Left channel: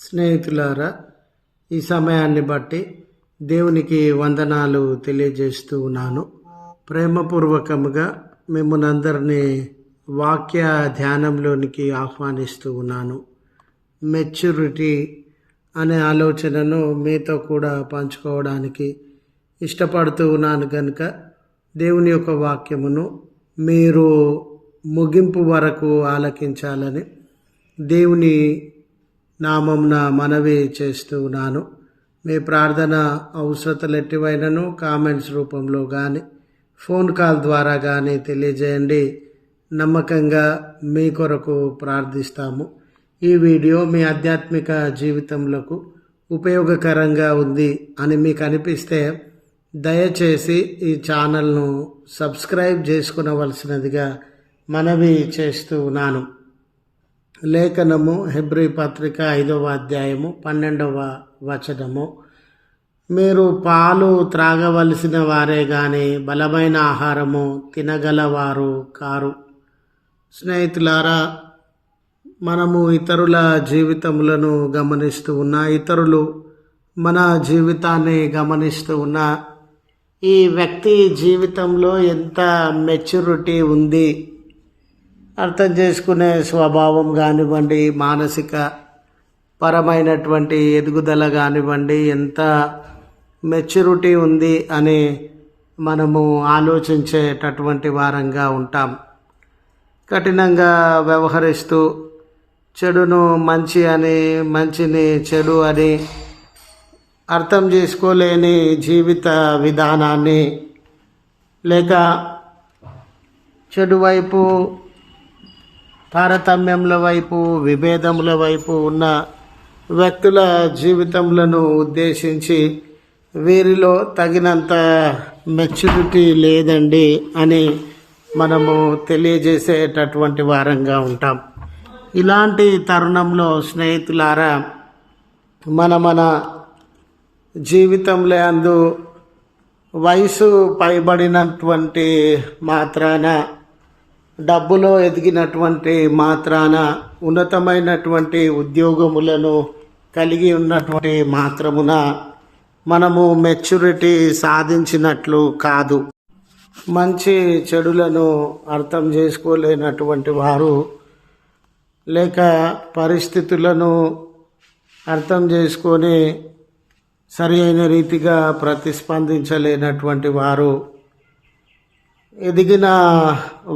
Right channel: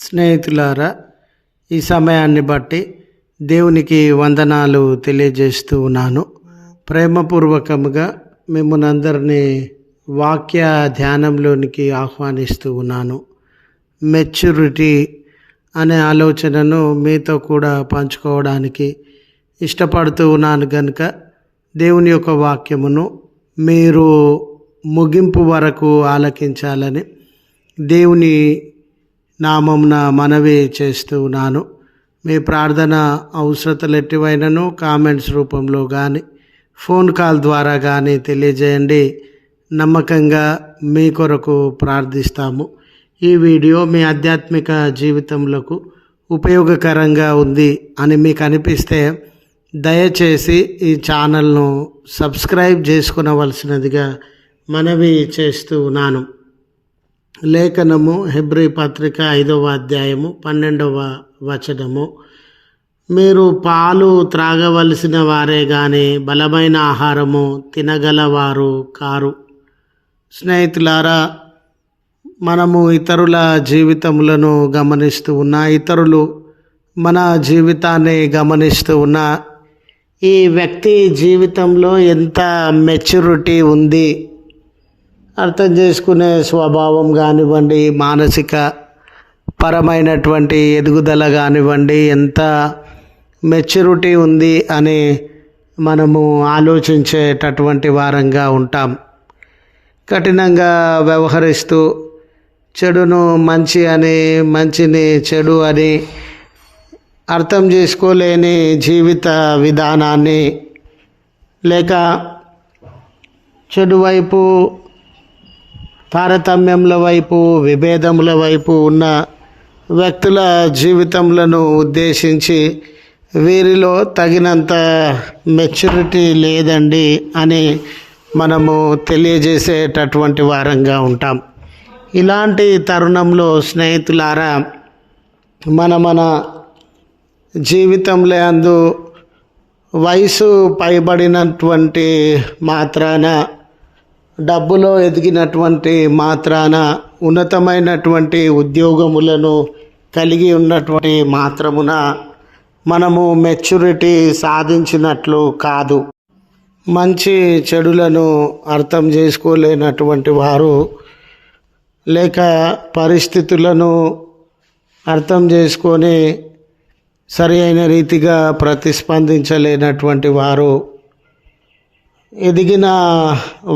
స్నేహితులారా, ఈ సమయాన్ని బట్టి దేవునికి వందనాలు తెలియజేస్తూ ఉన్నాను. ప్రేమపూర్వకముగా మిమ్మల్ని అందరినీ వాక్య ధ్యానంలోనికి ఆహ్వానిస్తూ ఉన్నాను. మెచ్యూరిటీ అనే ఆలోచనను మీతో కూడా పంచుకోవడానికి ఇష్టపడుతూ ఉన్నాను కనుక దేవుని యొక్క వాక్యమును మీరు ముగింపు వరకు ఆలకించాలని దేవుని నామమున మనవి చేస్తూ ఉన్నాను. మీ ప్రార్థన అవసరతలు ఎట్టివైనను కామెంట్స్ రూపంలో కానీ ఫోన్ కాల్ ద్వారా కానీ తెలియజేయండి. నమ్మకంగా మీ కొరకు ప్రార్థిస్తాము. ఈ వీడియో మీ ఆధ్యాత్మిక జీవితంలో ఉపయోగకరంగా ఉంది అని మీకు అనిపిస్తే దయచేసి ఈ ఛానల్ను సబ్స్క్రైబ్ చేసుకునవలసినదిగా మనవి చేస్తూ ఉన్నాను. లేఖనము హెబ్రీ పత్రిక 5వ అధ్యాయము 12వ వచనము. మీరు పాలు త్రాగవలసిన వారే కానీ బలమైన ఆహారము తినగలవారు కారు. స్నేహితులారా, మనము ఇతరుల జీవితములను గమనిస్తూ ఉన్నా, ఇతరులు మన జీవితాన్ని గమనిస్తూ ఉన్నా, ఈ వ్యక్తి జీవితంలో ఎంత మెచ్యూరిటీ ఉంది, అర్థం చేసుకునే స్వభావం కానివ్వండి, మానసిక పరమైనటువంటి ఎదుగుదల కానివ్వండి, ఎంత మెచ్యూరిటీ ఉంది అని మనము ఆలోచించేటటువంటి వారంగా ఉంటాం. కఠినంగా వ్యవహరిస్తూ చెడును మంచి అని, మంచిని చెడు అని అర్థం చేసుకోలేని జీవిత విధానాన్ని, లేక చెడు వైపు, తారతమ్యముల వైపు, విభేదముల వైపు ఉన్న వ్యక్తుల జీవితములను ఉద్దేశించి వీరిలో తగినంత మెచ్యూరిటీ లేదండి అని మనము తెలియజేసేటటువంటి వారంగా ఉంటాం. ఇలాంటి తరుణంలో స్నేహితులారా, మన జీవితంలో అందు వయసు పైబడినటువంటి మాత్రాన, డబ్బులో ఎదిగినటువంటి మాత్రాన, ఉన్నతమైనటువంటి ఉద్యోగములను కలిగి ఉన్నటువంటి మాత్రమున మనము మెచ్యూరిటీ సాధించినట్లు కాదు. మంచి చెడులను అర్థం చేసుకోలేనటువంటి వారు, లేక పరిస్థితులను అర్థం చేసుకొని సరి అయిన రీతిగా ప్రతిస్పందించలేనటువంటి వారు, ఎదిగిన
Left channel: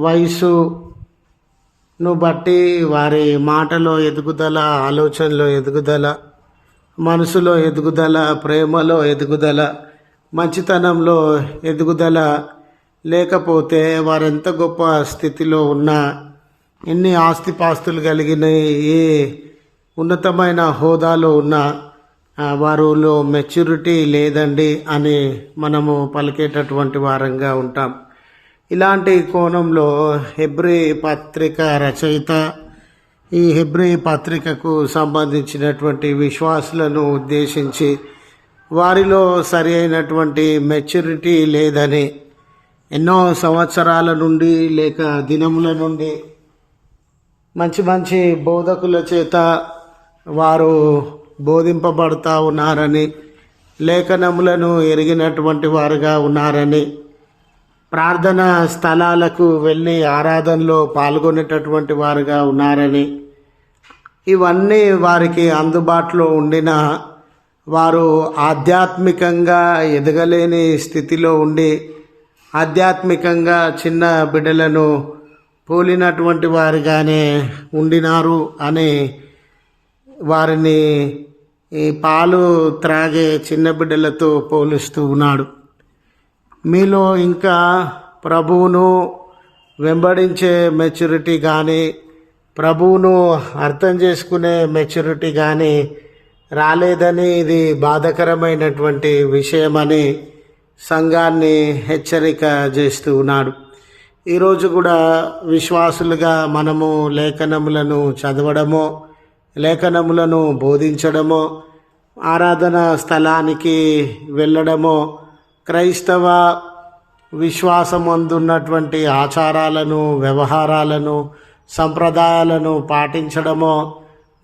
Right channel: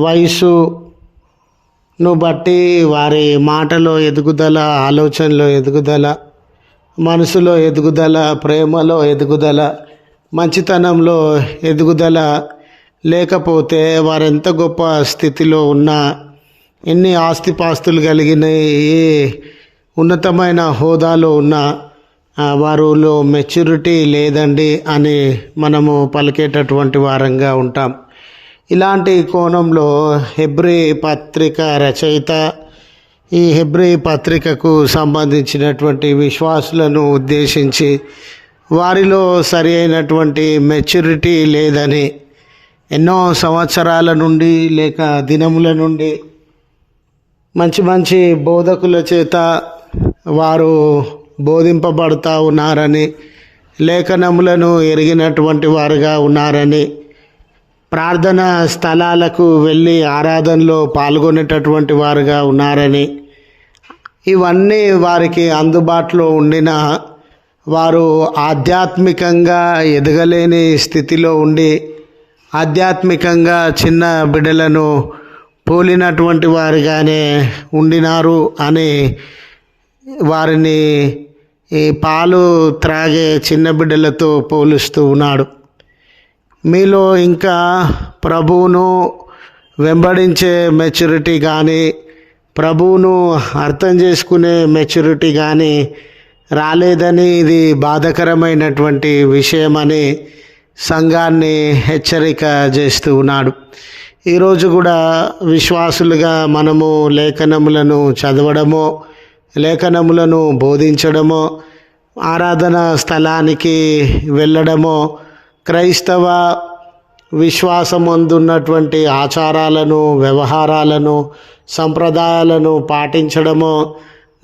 వయసును బట్టి వారి మాటలో ఎదుగుదల, ఆలోచనలో ఎదుగుదల, మనసులో ఎదుగుదల, ప్రేమలో ఎదుగుదల, మంచితనంలో ఎదుగుదల లేకపోతే వారెంత గొప్ప స్థితిలో ఉన్నా, ఎన్ని ఆస్తిపాస్తులు కలిగిన, ఏ ఉన్నతమైన హోదాలో ఉన్నా వారిలో మెచ్యూరిటీ లేదండి అని మనము పలికేటటువంటి వారంగా ఉంటాం. ఇలాంటి కోణంలో హెబ్రీ పత్రిక రచయిత ఈ హెబ్రీ పత్రికకు సంబంధించినటువంటి విశ్వాసులను ఉద్దేశించి వారిలో సరి అయినటువంటి మెచ్యూరిటీ లేదని ఎన్నో సంవత్సరాల నుండి, లేక దినముల నుండి మంచి మంచి బోధకుల చేత వారు బోధింపబడుతూ ఉన్నారని, లేఖనములను ఎరిగినటువంటి వారుగా ఉన్నారని, ప్రార్థనా స్థలాలకు వెళ్ళి ఆరాధనలో పాల్గొనేటటువంటి వారుగా ఉన్నారని, ఇవన్నీ వారికి అందుబాటులో ఉండిన వారు ఆధ్యాత్మికంగా ఎదగలేని స్థితిలో ఉండి, ఆధ్యాత్మికంగా చిన్న బిడ్డలను పోలినటువంటి వారుగానే ఉండినారు అని వారిని ఈ పాలు త్రాగే చిన్న బిడ్డలతో పోలుస్తూ ఉన్నాడు. మీలో ఇంకా ప్రభువును వెంబడించే మెచ్యూరిటీ కానీ, ప్రభువును అర్థం చేసుకునే మెచ్యూరిటీ కానీ రాలేదని, ఇది బాధాకరమైనటువంటి విషయమని సంఘాన్ని హెచ్చరిక చేస్తూ ఉన్నాడు. ఈరోజు కూడా విశ్వాసులుగా మనము లేఖనములను చదవడమో, లేఖనములను బోధించడమో, ఆరాధన స్థలానికి వెళ్ళడమో, క్రైస్తవ విశ్వాసమందున్నటువంటి ఆచారాలను, వ్యవహారాలను, సంప్రదాయాలను పాటించడమో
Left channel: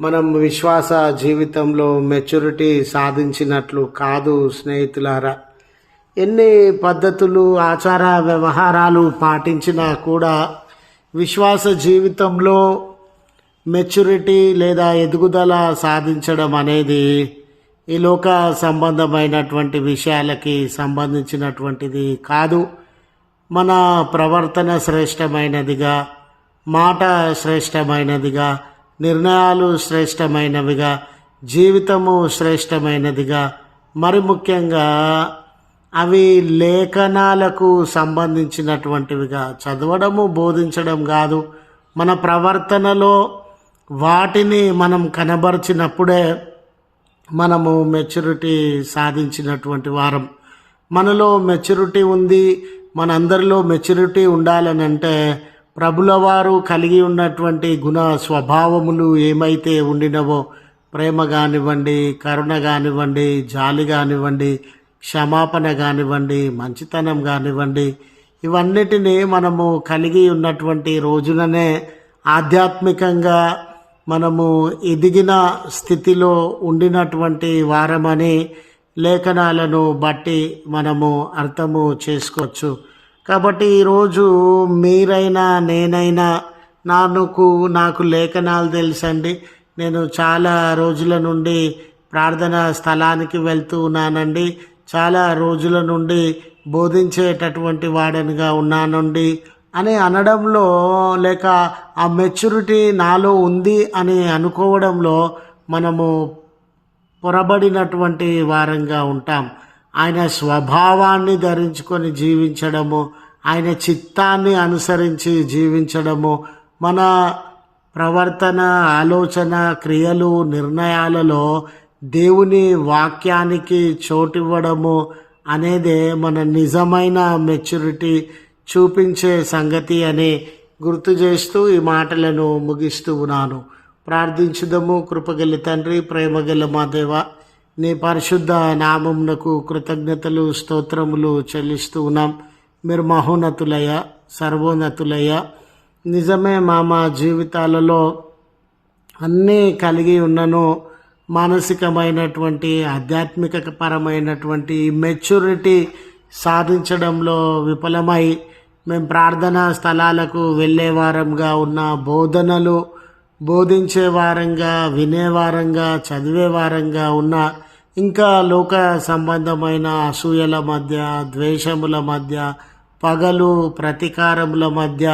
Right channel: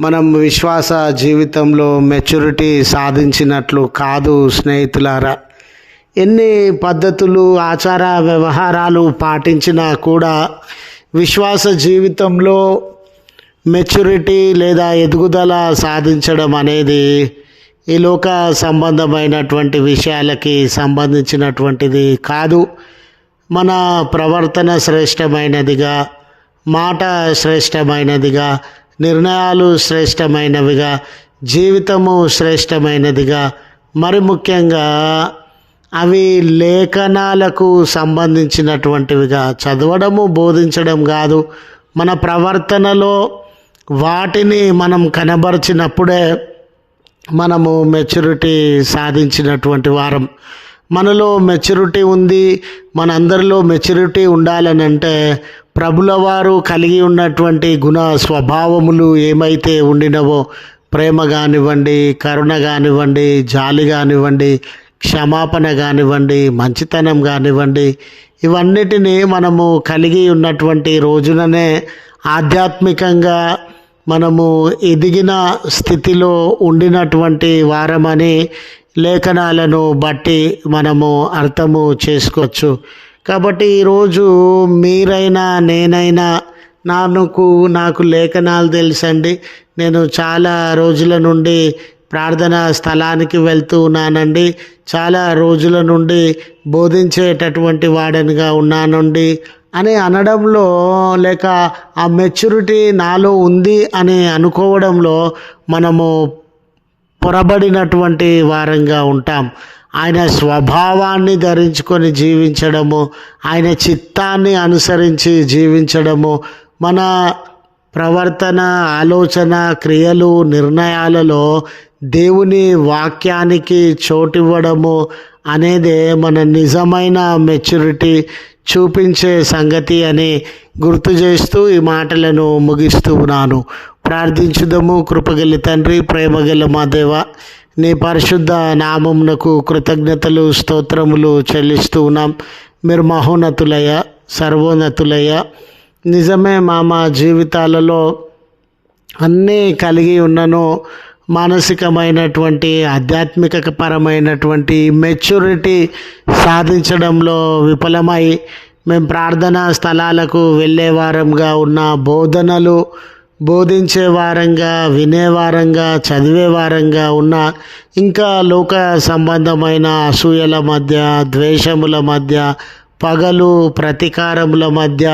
మనం విశ్వాస జీవితంలో మెచ్యూరిటీ సాధించినట్లు కాదు స్నేహితులారా. ఎన్ని పద్ధతులు ఆచార వ్యవహారాలు పాటించినా కూడా విశ్వాస జీవితంలో మెచ్యూరిటీ లేదా ఎదుగుదల సాధించడం అనేది ఈ లోక సంబంధమైనటువంటి విషయాలకి సంబంధించినటువంటిది కాదు. మన ప్రవర్తన శ్రేష్టమైనదిగా, మాట శ్రేష్టమైనదిగా, నిర్ణయాలు శ్రేష్టమైనవిగా, జీవితము శ్రేష్టమైనదిగా, మరి ముఖ్యంగా అవి లేఖనాలకు సంబంధించినటువంటివిగా చదవడము బోధించడం కాదు. మన ప్రవర్తనలో వాటిని మనం కనబరిచినప్పుడే మనము మెచ్యూరిటీ సాధించినటువంటి వారం. మనలో మెచ్యూరిటీ ఉంది, మనందరిలో మెచ్యూరిటీ ఉండాలని అంటే ప్రభుల వారు కలిగి ఉన్నటువంటి గుణ స్వభావములు ఏమైతే ఉండినవో, ప్రేమ కానివ్వండి, కరుణ కానివ్వండి, జాలి కానివ్వండి, క్షమాపణ కానివ్వండి, మంచితనం కానివ్వండి, ఇవన్నిటినీ మనము కలిగి ఉన్నటువంటి రోజుననే ఆధ్యాత్మికంగా మనము ఎదిగిన స్థితిలో ఉండినటువంటి వారమని లేఖనాలను బట్టి మనము అర్థము చేసుకోవచ్చు. కాబట్టి ఈరోజు మీరైనా నేనైనా నాకు లేఖనాలు తెలుసండి, నేను చాలా రోజుల నుండి ప్రార్థనా స్థలానికి వెళ్తూ ఉన్నానండి, చాలా రోజుల నుండి బోధించేటటువంటి వాడనిగా ఉన్నానండి అని అనడంలో, లేక ఆ మెచ్యూరిటీ నాలో ఉంది అని అనుకోవడంలో మనము పొరబడినటువంటి వారంగా ఉంటాం. ఆయన స్వభావాన్ని ధరించుకొని జీవించడము, ఆయన చిత్తాన్ని అనుసరించి జీవించడము, మన ప్రవర్తన, ఆలోచన, క్రియలు, నిర్ణయాలలో దేవుని వాక్యానికి చోటివ్వడము అనేదే మన నిజమైన మెచ్యూరిటీ చూపించే సంగతి అని గుర్తు చేస్తూ ఈ మాటలను ముగిస్తూ ఉన్నాను. ప్రార్థించుదము. కృపగల తండ్రి, ప్రేమగల మా దేవ, నీ పరిశుద్ధ నామమునకు కృతజ్ఞతలు, స్తోత్రములు చెల్లిస్తూ ఉన్నాం. మీరు మహోన్నతులయ్య, సర్వోన్నతులయ్య. నిజమే మా జీవితాలలో అన్నీ కలిగి ఉన్నను, మానసికమైనటువంటి, ఆధ్యాత్మిక పరమైనటువంటి మెచ్యూరిటీ సాధించడంలో విఫలమై మేము ప్రార్థనా స్థలాలకు వెళ్ళేవారంగా ఉన్న, బోధనలు బోధించే వారంగా, వినేవారంగా, చదివే వారంగా ఉన్న, ఇంకా లోక సంబంధమైన అసూయల మధ్య, ద్వేషముల మధ్య, పగలు ప్రతీకారముల మధ్య,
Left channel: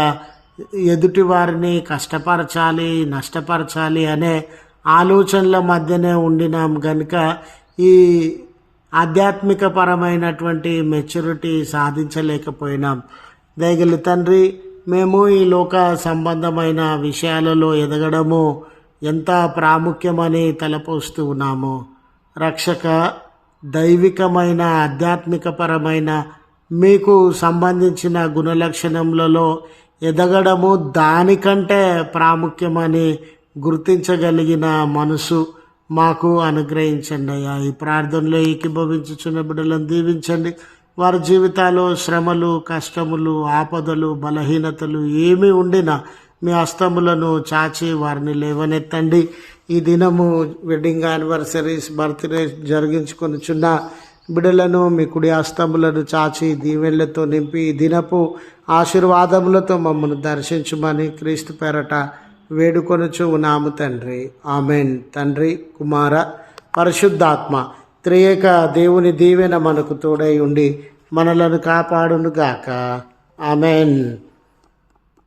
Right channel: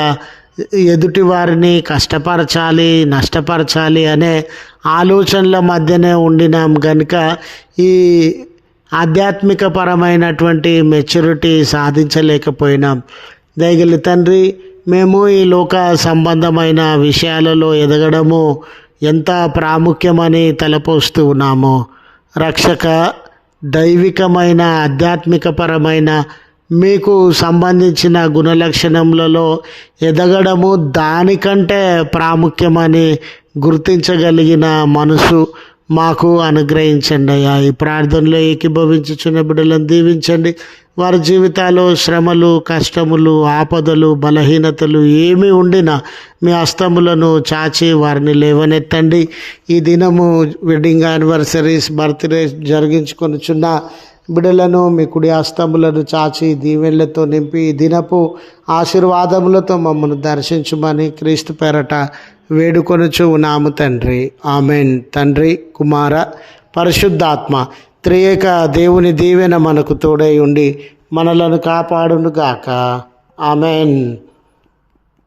ఎదుటి వారిని కష్టపరచాలి, నష్టపరచాలి అనే ఆలోచనల మధ్యనే ఉండినాం కనుక ఈ ఆధ్యాత్మిక పరమైనటువంటి మెచ్యూరిటీ సాధించలేకపోయినాం. దయగల తండ్రి, మేము ఈ లోక సంబంధమైన విషయాలలో ఎదగడము ఎంత ప్రాముఖ్యమని తలపోస్తూ ఉన్నామో, రక్షక, దైవికమైన ఆధ్యాత్మికపరమైన మీకు సంబంధించిన గుణలక్షణములలో ఎదగడము దానికంటే ప్రాముఖ్యమని గుర్తించగలిగిన మనసు మాకు అనుగ్రహించండి అయ్యా. ఈ ప్రార్థనలో ఏకీభవించుచున్న బిడ్డలను దీవించండి. వారి జీవితాల్లో శ్రమలు, కష్టములు, ఆపదలు, బలహీనతలు ఏమి ఉండినా మీ హస్తములను చాచి వారిని లేవనెత్తండి. ఈ దినము వెడ్డింగ్ యానివర్సరీస్, బర్త్డే జరిగించుకొనిచున్న బిడ్డలను మీ కుడి హస్తములను చాచి దీవెనలతో నింపి ఈ దినపు ఆశీర్వాదములతో మమ్మల్ని దర్శించుమని క్రీస్తు పేరట వేడుకొనుచు ఉన్నాము తండ్రి. ఆమెన్. తండ్రి, కుమార, పరిశుద్ధాత్మ త్రియేక దేవుని దీవెన మనకు తోడై ఉండి మనలను కాపాడును గాక. ఆమెన్.